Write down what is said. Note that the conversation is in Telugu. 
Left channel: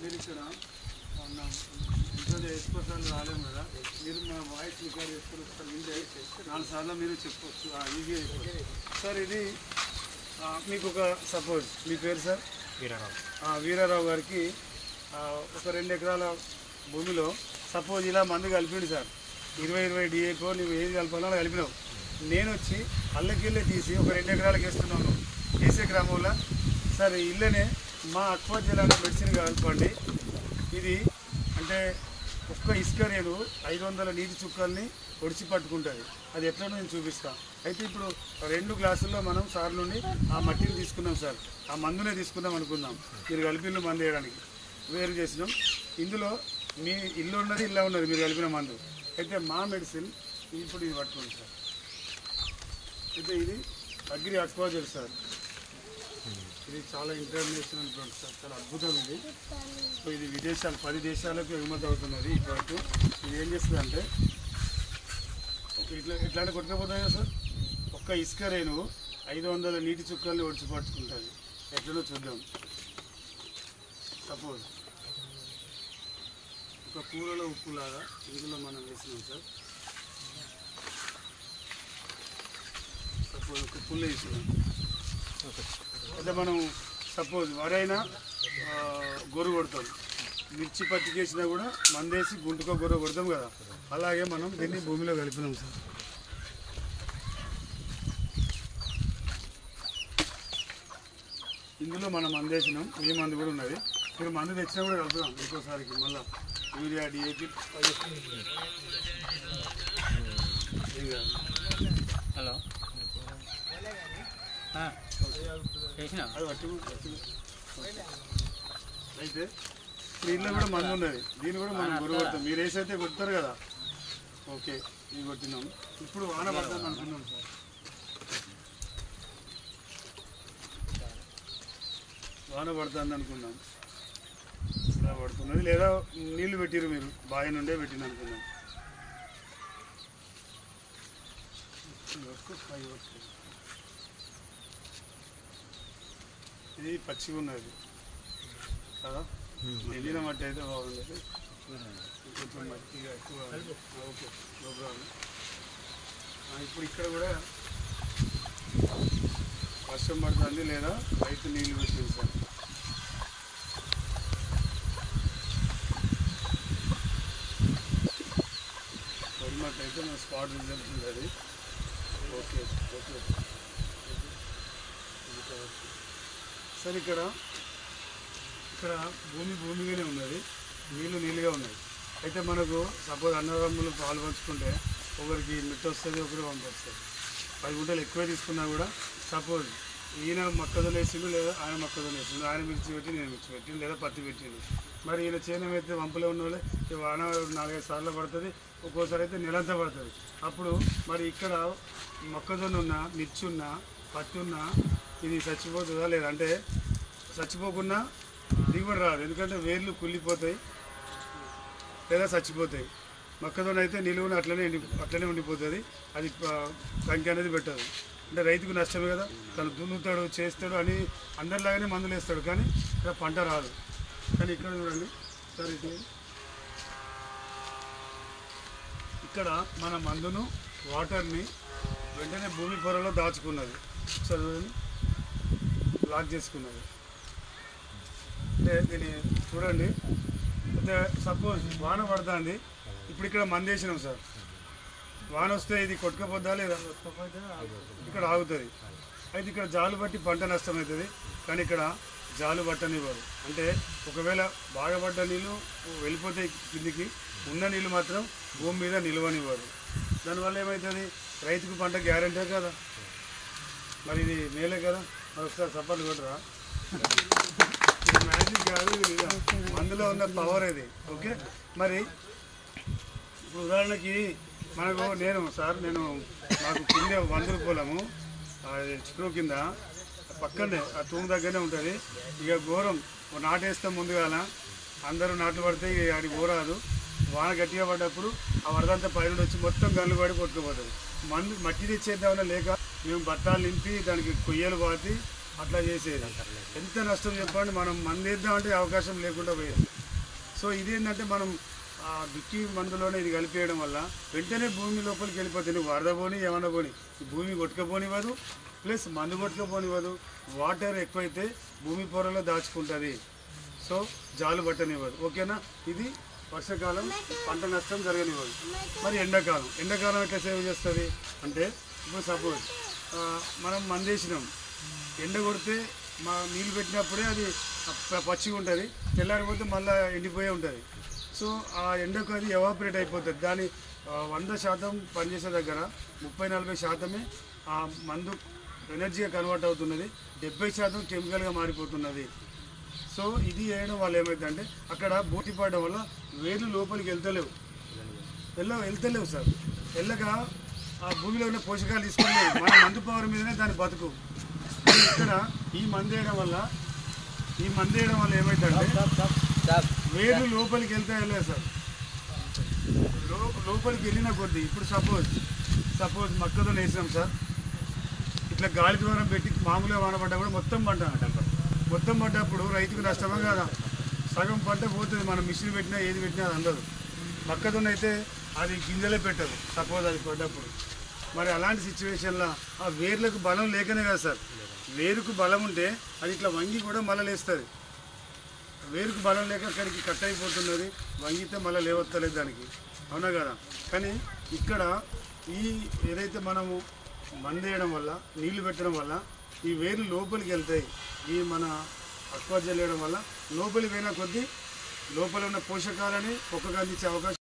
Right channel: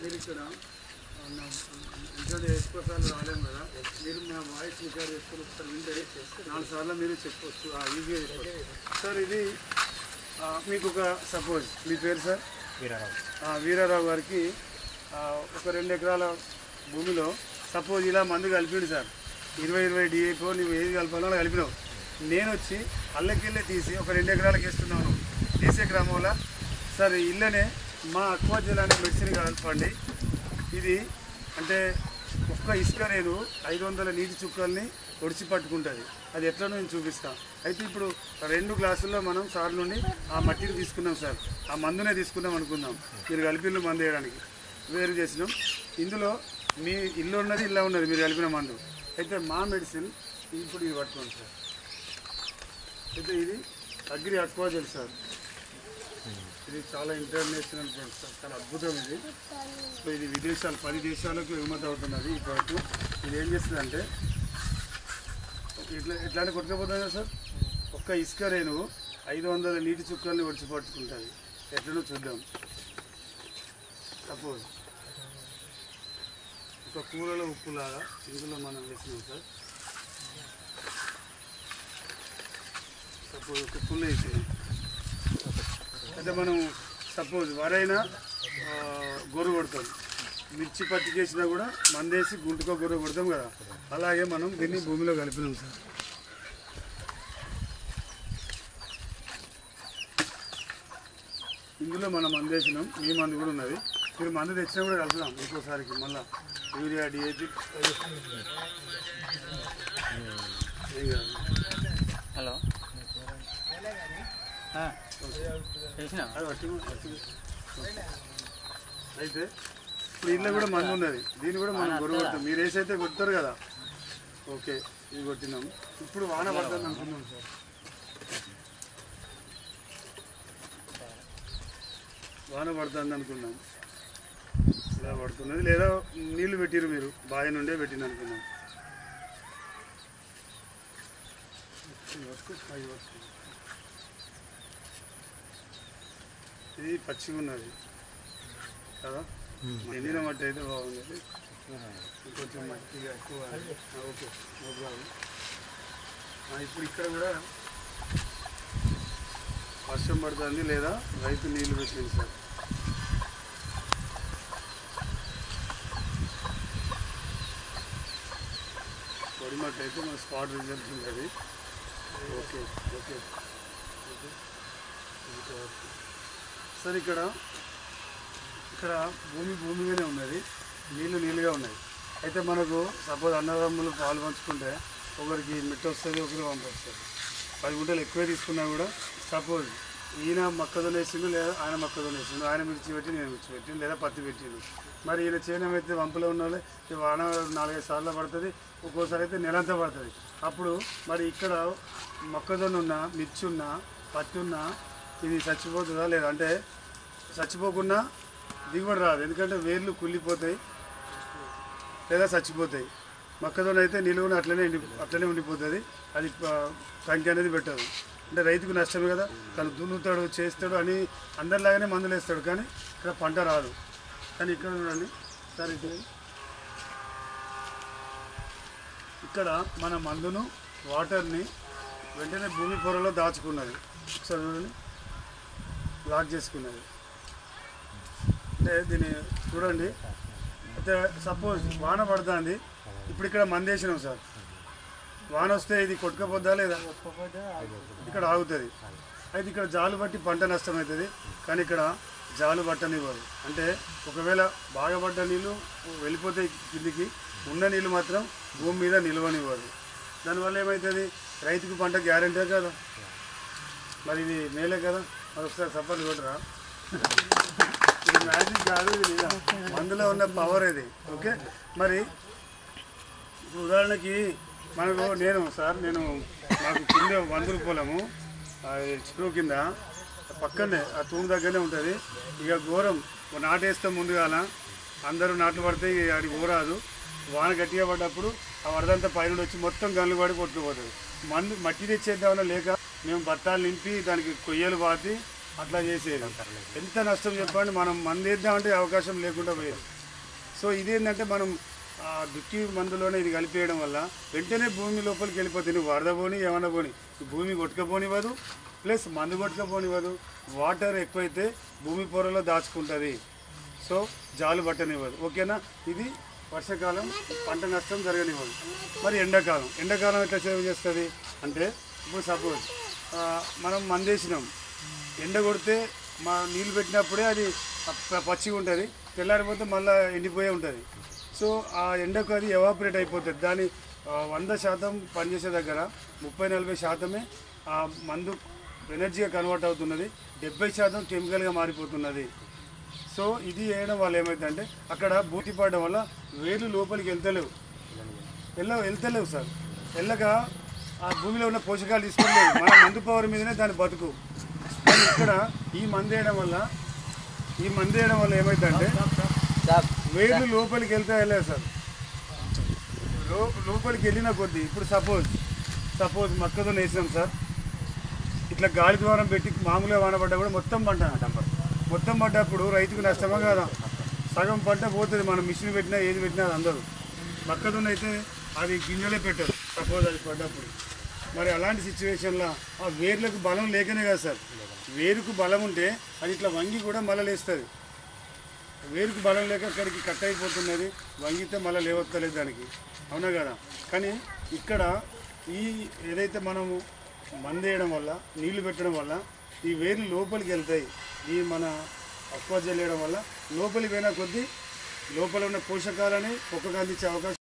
మీరు ఇక్కడ ఇంట్లో ఎక్కువ సార్లు రాలేము కదా, మీరు మా వాయిస్ రికార్డ్ చేసుకొని ఒకసారి వింటే 4 సార్లు మీరు చెప్పవచ్చు, ఈజీగా చెప్పవచ్చు సార్. ఇది మీకు ఒక సపోజ్ మీ పేరు సార్ వీరారావు గారికి ఒక 2 ఎకరాల భూమిలో సపోజ్ ఇలా మందు కలిపిండు సార్, 20 డిఏపో నువ్వు ఏది కలపాలో కలిపినావు. నేను వచ్చి అల్లకెళ్ళి తీసి ఒక 2 ఎకరాలకు వేస్తున్నాను. వేసే క్రమంలో సార్ ఇళ్ళనే మా అక్వా జిల్లాలో మెడిసిన్ కలపండి. ఇది అంటే ఒక్క ఇసుక రేణు 500 నీటి చుక్కల్ని ఒడిచి పట్టుకుంటుంది. అది ఎట్లా నేను చూపిస్తాను. అయితే ఇప్పుడు 2 గ్లాసుల్లో మనం సార్ నుండి ఆ మట్టిని తీసుకున్నాం సార్, ఆ మందునే తీసుకున్నాం అనుకుందాం. మీరు కలిపిల్లు మందు వేయడానికి వేరు చేసినాం. ఇందులో మీ ఇల్లు ఉన్నది ఇలా ఉన్నది మీరు కలిపిన మందు. అయితే మా మెడిసిన్ ఇప్పుడు ఇది పట్టుకోండి సార్. అయితే ఇది అగ్రి అక్వా జెల్ సార్. ఇది చాలా ఇంటర్నేషనల్ బ్రాండ్ సార్, చాలా అద్భుతం ఇది. సో ఇది విదేశాలు 10 దేశాలకు ఎగుమతి అవుతున్నది ఈ ప్రోడక్ట్. ఇది ఏం చేస్తుందంటే ఇట్లాంటి కొట్టుకపోతుంది కదా సార్, ఒక్క ఇసుక రేణువు 500 నీటి చుక్కల్ని ఒడిచిపట్టుకుంటుంది. ఎట్లనో చూద్దాం. సపోజ్ ఒక కూరలో ఉప్పులాగా ఇందులో మనం వేసినాం సార్. సపోజ్ ఒక పుల్ల వేసినాం. అయితే మనం సపోజ్ వరైనా గొర్రె కొడతాం, మిర్చి పత్తి చేసినా కూడా మందేసి గుంటుకో గొర్రె కొడతాం కదా, అలాగే మనం దీన్ని భూమిలో కలిపినాం సార్. ఇందులో మనం మందు వేసినాం, మీ మందు కూడా ఉన్నది. మీరు మందు తెచ్చినా కూడా కలుపుదాం ఇంకోసారికి. మళ్ళీ యూరియా డిఏపి. హలో అయితే ఇప్పుడు ఇళ్ళ కూడా మందు ఉన్నది, దీన్ని కూడా మనం గొర్రె కొడతాం. మీరు వేసైతే కొడతారు కదా, ఓకే ఇది కొట్టినాం. ఇప్పుడు వాన పడుతుంది అనుకున్నాం సార్. వాన పడుతుంది అనుకున్నాం, ఇలా పడుతున్నది. లేదా నీళ్లు పెట్టిరు మీరు, బావి నుండే పెట్టిన అనుకున్నాం. ఇది పచ్చిగా ఉన్నది కదా, ఎండిన మట్టి అయితే బాగుంది. కొంచెం మట్టిగా ఎక్కువ, ఓకే నో ప్రాబ్లం. ఇప్పుడు ఇక్కడ కూడా వర్షం పడుతుంది లేదా రైతు నీళ్ళు పెట్టింది సార్. పొడిమట్టి అయితే మన స్పాట్ రిజల్ట్ ఉంది. Okay okay sir. ఇక్కడ భూమిగానే ఉన్నది, నీళ్ళుగా ఉన్నాయి. అయితే మనకు సపోజ్ అన్నదమ్ములు పాలు పంచుకుంటే ఒకరికి మిట్ట వస్తుంది, ఒకరికి వంట వస్తుంది. 10 గుంటలు ఎక్కువ తీసుకున్నా కూడా సపోజ్ ఈయన మొక్కజొన్న వేసిండు లేదా ఆయన మొక్కజొన్న వేసిండు, ఆయన మిర్చి పెట్టి నేను మిర్చి పెట్టిండు లేదా పత్తి పెట్టిండు. మరి ఈయన చేను అయితే వంపలో ఉన్న వాళ్ళే వాన 4-5 సార్లు పడుతుంది, ఒక్కోసారి అయితే నెలంతా పడుతుంది. అప్పుడు మరి ఇక్కడ మొక్కజొన్న ఉన్నా, మిర్చి ఉన్నా, పత్తి ఉన్నా ఇది చచ్చిపోతుందా లేదా అంటే చచ్చిపోకుండా దిగుబడి రాదు. ఎందుకంటే వేర్లు కుళ్ళిపోతాయి లేదా చచ్చిపోతాయి. మొక్కజొన్న అయితే నిలువున అట్లనే ఉండిపోతుంది, అది కంకి అనేది పెట్టదు. అంటే రైతుకు నష్టమే కదా, తను దున్నుతాడు చేస్తాడు అని అందరిలాగానే మందులు వేస్తాడు, కానీ ఇక్కడ పంట రాదు. కానీ ఇక్కడ చూడండి సార్, ఇక్కడ మన మందును వాటర్ని వెంటనే భూమి పొరలో దాచుకున్నది. ఒకసారి చూడండి, లాక్ చేసుకున్నది. అంటే దీన్ని చూడండి. అయితే సపోజ్ వాన పడుతుంది, ఇప్పుడు ఇక్కడ మందు వేసినాం సార్, వాన వస్తే ఇది కొట్టుకపోద్దా లేదా, ఇక్కడ ఆగుతుంది. అయితే ఇక్కడ జాలు బట్టి పంట నష్టం అవుతుంది, కానీ ఇక్కడ జాలు పట్టనివ్వరు. అంటే ఒకవేళ బాగా పడ్డ నీళ్ళు వెళ్ళిపోతే కిందికి, ఉన్న నీళ్ళు మాత్రం భూమి మీద నిల్వనివ్వరు. దానివల్ల ఏమవుతుంది, రైతుకు పంట గ్యారంటీ కదా. మరి ఇది మేలే కదా. మరి ఒకసారి సపోర్ట్ కొట్టరా, ఇది మ్యాజిక్ కాదు, ఇది మందులో ఉన్న పవర్ ఇది. ఓకే, మరి ఉదాహరణకి మనకు నేను నాకు కింద 100 రూపాయలము చిక్కు కింద పక్కనే ఆ తూము దగ్గరనే ఉంటుంది. ఇక ఘోరం నాటేస్తాం ముందుగాల, అందరూ నాట్లు పడితే అది ఘోరాదు. వాన గట్టిగా పడ్డప్పుడు ఆ వరదంతా పైన వచ్చి మొత్తం గన్లు పడి కొట్టుకుపోతుంది. మట్టి తెచ్చేద్దామన్నా లేక మేము బట్టాలు నింపి దానికి కొయ్యలు పాతి అట్లా చేసేది. ఎంత నష్టం చెప్పండి, మనం మందు వేద్దామంటే అవకాశం లేకుండా పోయేది. సో ఇదేంటంటే మనం దుక్కి మందులోనే ఇది కలిపేయడం వల్ల వెంటనే భూమి లోపలికి వెళ్ళిపోతుంది. వరద పోని ఏమన్నా పోని భూమి కొట్టుకపోనివ్వదు, ప్లస్ మందు కొట్టుకపోనివ్వదు. వాటర్ ఎక్కువైతే భూమి పొరలో దాచుకుంటుంది, సో జాలు పట్టనివ్వదు. ఓకేనా? ఇది వర్షాకాలం పంట నష్టం జరగనివ్వదు. మరి ఎండాకాలం ఎట్లా సేవ్ చేస్తుంది అంటే, ఇప్పుడు సపోజ్ మనం మందేసినాం, ఎండ కొడితే మా నీళ్ళు పెట్టినప్పుడే అది పచ్చిగా ఉంటుంది, తెల్లారిపోతే మళ్ళీ ఎండిపోయే ఉంటుంది. సో ఆ ఎండకు అది ఎవాపరేట్ అయిపోతుంది. దాని 100% పనిచేసే దగ్గర 30-40% ఆ మందు ఎనర్జీగా కన్వర్ట్ అవుతున్నది, 70% కెమికల్గా మారిపోతున్నది. సో ఇది వేయడం వల్ల ఏమైందంటే అక్కడ బూటి పడడం వల్ల వేర్లు లోపలికి వెళ్తలేవు సార్. వెళ్ళక ఆ భూమిలో ఉన్న పోషకాలు తీసుకోలేదు. మన మందు పవర్ మీదనే దాని బతుకు. కానీ ఇక్కడ ఈ మందు వేయడం వల్ల ఏమైందంటే వేర్లు లోపలికి వెళ్ళలేదు సార్. లోపలికి వెళ్ళిన కొద్దీ ఇప్పుడు సపోజ్ మొక్కతో వేసినాం సార్, ఇట్లా గాలి ద్వారం పెట్టి మామూలుగా వానపడ్డా కూడా మొత్తం పడ్డప్పుడు రైతుకు నష్టమా కదా? సగం పంట పోతుంది. మనం మిషన్ పెట్టినా ఏది పెట్టినా అది అందదు. మొక్కతో అయితే అది గింజలే పెట్టదు సపోజ్ అది పడ్డప్పుడు. మరి అలాంటి సిచ్యువేషన్లో ఆ వేర్లకు బలం లేకనే కదా సార్. వేరుకు బలం ఉంటే అది ఇట్లా వంగి కూడా మళ్ళీ లేస్తుంది. వేరుకు బలం లేక అక్కడికి కట్ అయిపోతున్నది, వంగితే మళ్ళీ లేవత్తలేదు దానికి, అవునా కదా? కానీ ఇక్కడ ఏదైతే మనము మందేయడం వల్ల, నీళ్లు పెట్టడం వల్ల ఈ వేర్లు లోపలికి వెళ్తాయి. ఈ మన అక్వా జల్ వేయడం వల్ల లోపలికి పోయిన కొద్దీ లోపల ఉన్న పోషకాలని ఒక్కగా అందించే అవకాశం